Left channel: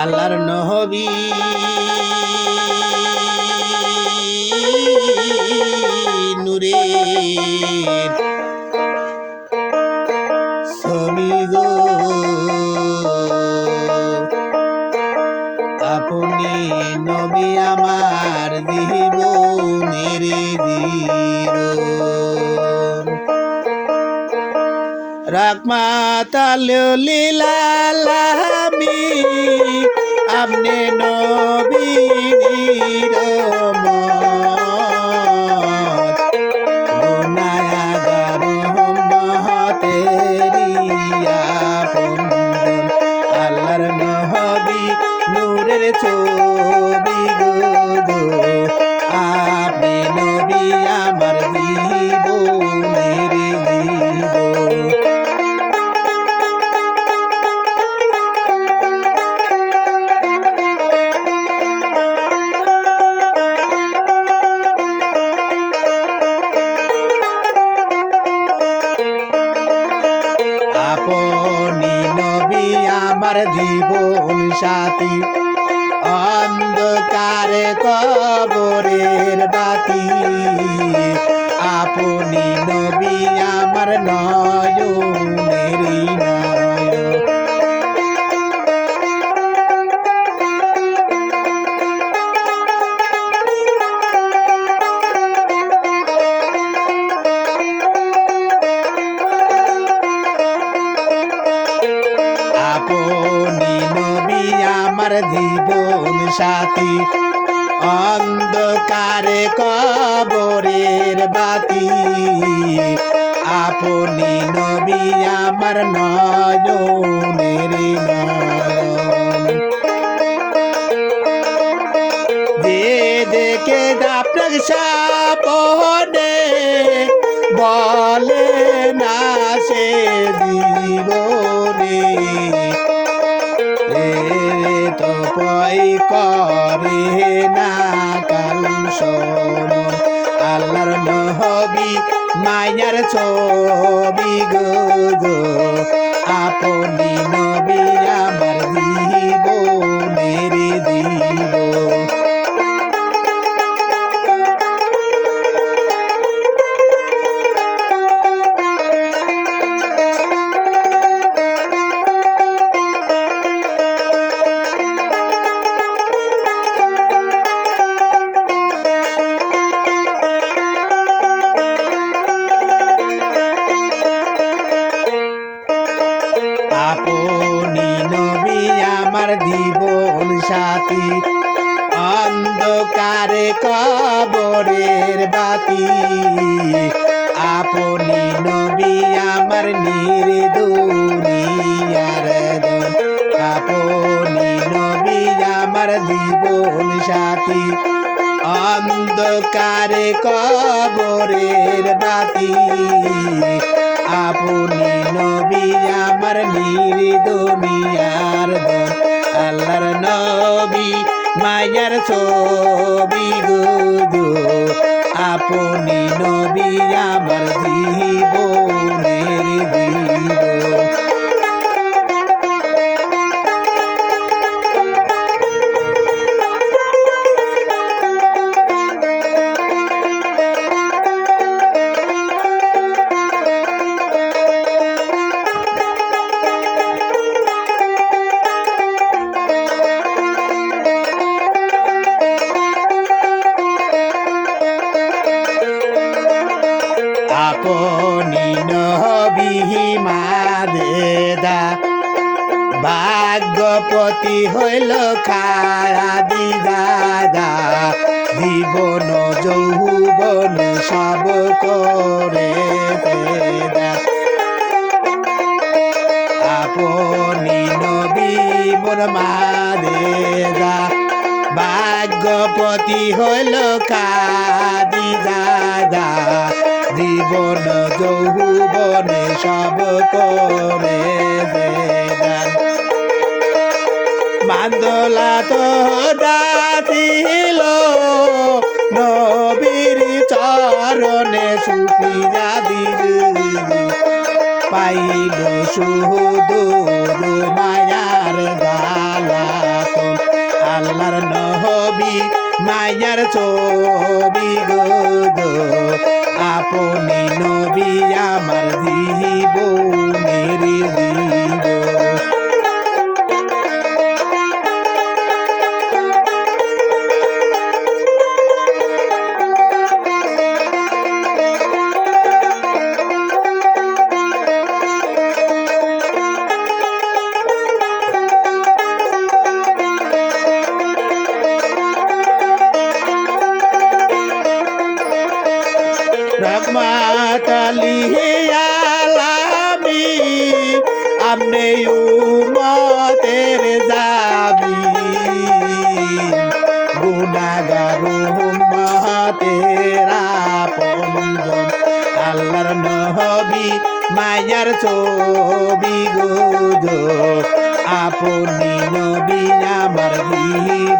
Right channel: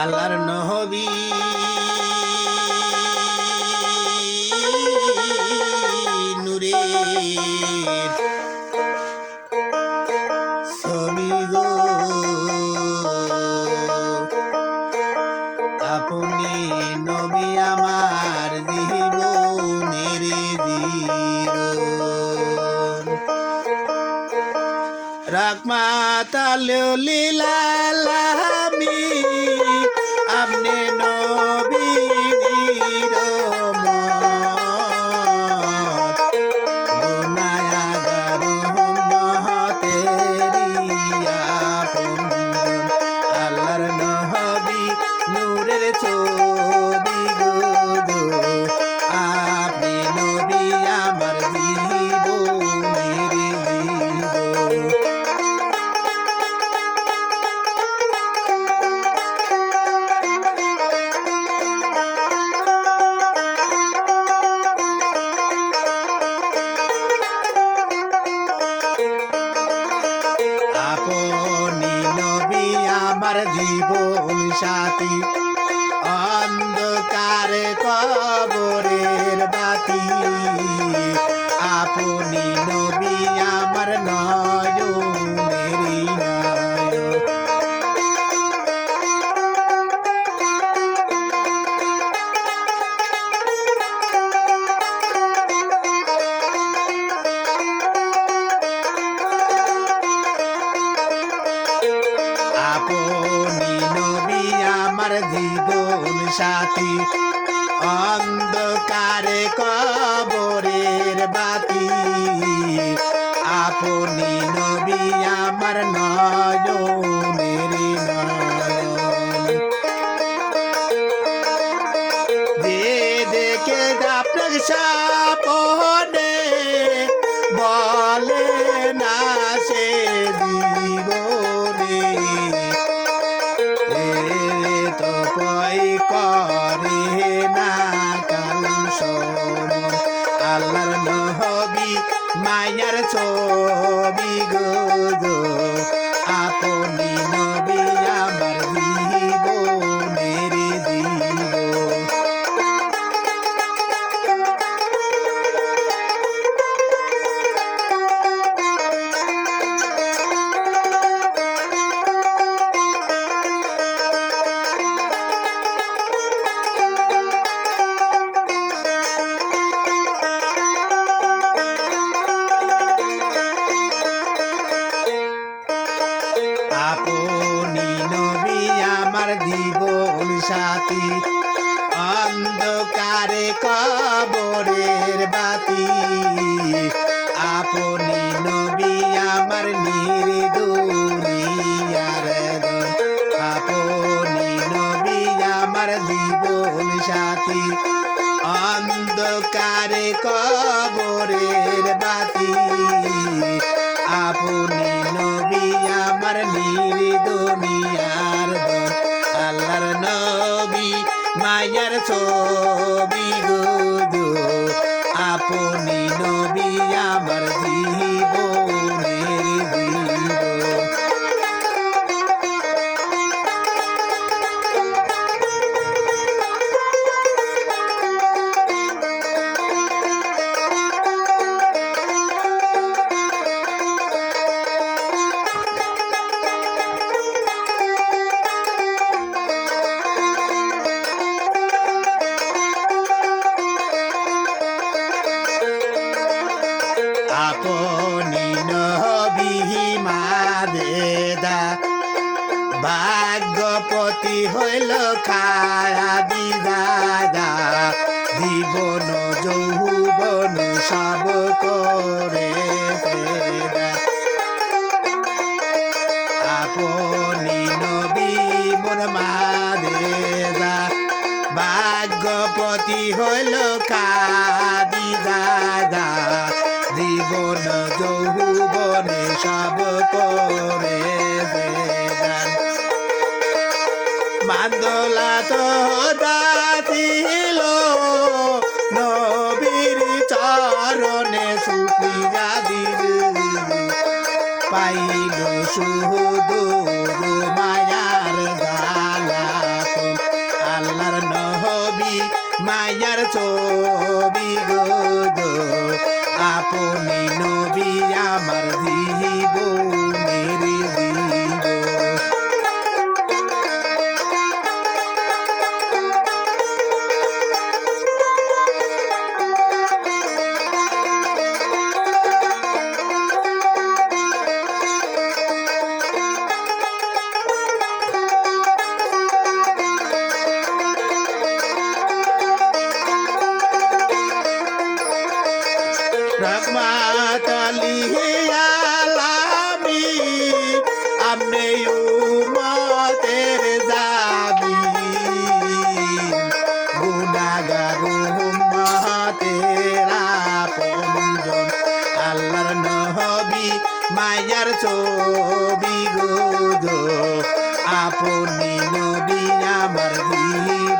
আল্লাহর নবী নূরের ছবি গো আপনি নবী আমার জীবনের জীবন রাহমাতাল লিল আলামিন আপনি নবী রহমত গুনাহগার উম্মতের আপনজন আল্লাহর নবী নূরের ছবি গো আপনি নবী আমার জীবনের জীবন আপনি নবী আমার জীবন সাথী অন্ধকারে কবরের বাতি আপনি নবী আমার নয়নের নয়ন আপনি নবী আমার জীবন সাথী অন্ধকারে কবরের বাতি আপনি নবী আমার নয়নের নয়ন যে দেখে আপনার সাপনে বলে না সে জীবনে তো পয় করে না কাল শরণ আল্লাহর নবী মায়ার ছবি গো আপনি নবী আমার জীবনের জীবন আপনি নবী আমার জীবন সাথী অন্ধকারে কবরের বাতি আপনি নবী আমার নির্দুনিয়ার দন আপনি নবী আমার জীবন সাথী অন্ধকারে কবরের বাতি আপনি নবী আমার নির্দুনিয়ার দন আল্লাহর নবী মায়ার ছবি গো আপনি নবী আমার জীবনের জীবন আপনি নবী মাদেদা ভাগ্যপতি হইল খায়া দিদাদা জীবন যৌবন সব করে দেদা আপনি নবী মোর মাদেদা ভাগ্যপতি হইল কাদি দাদা জীবন যৌবনে সব করে দেন বান্দলা তো দাতিল নবীর চরণে সুপিয়া দিল পাইল সুদূর মায়ার জালা ছবি গো আপনি নবী আমার জীবনের জীবন রহমাতুল আলামিন আমনে উম্মতের জামিন গুনাহগার উম্মতের আপনজন আল্লাহর নবী মায়ার ছবি গো আপনি নবী আমার জীবন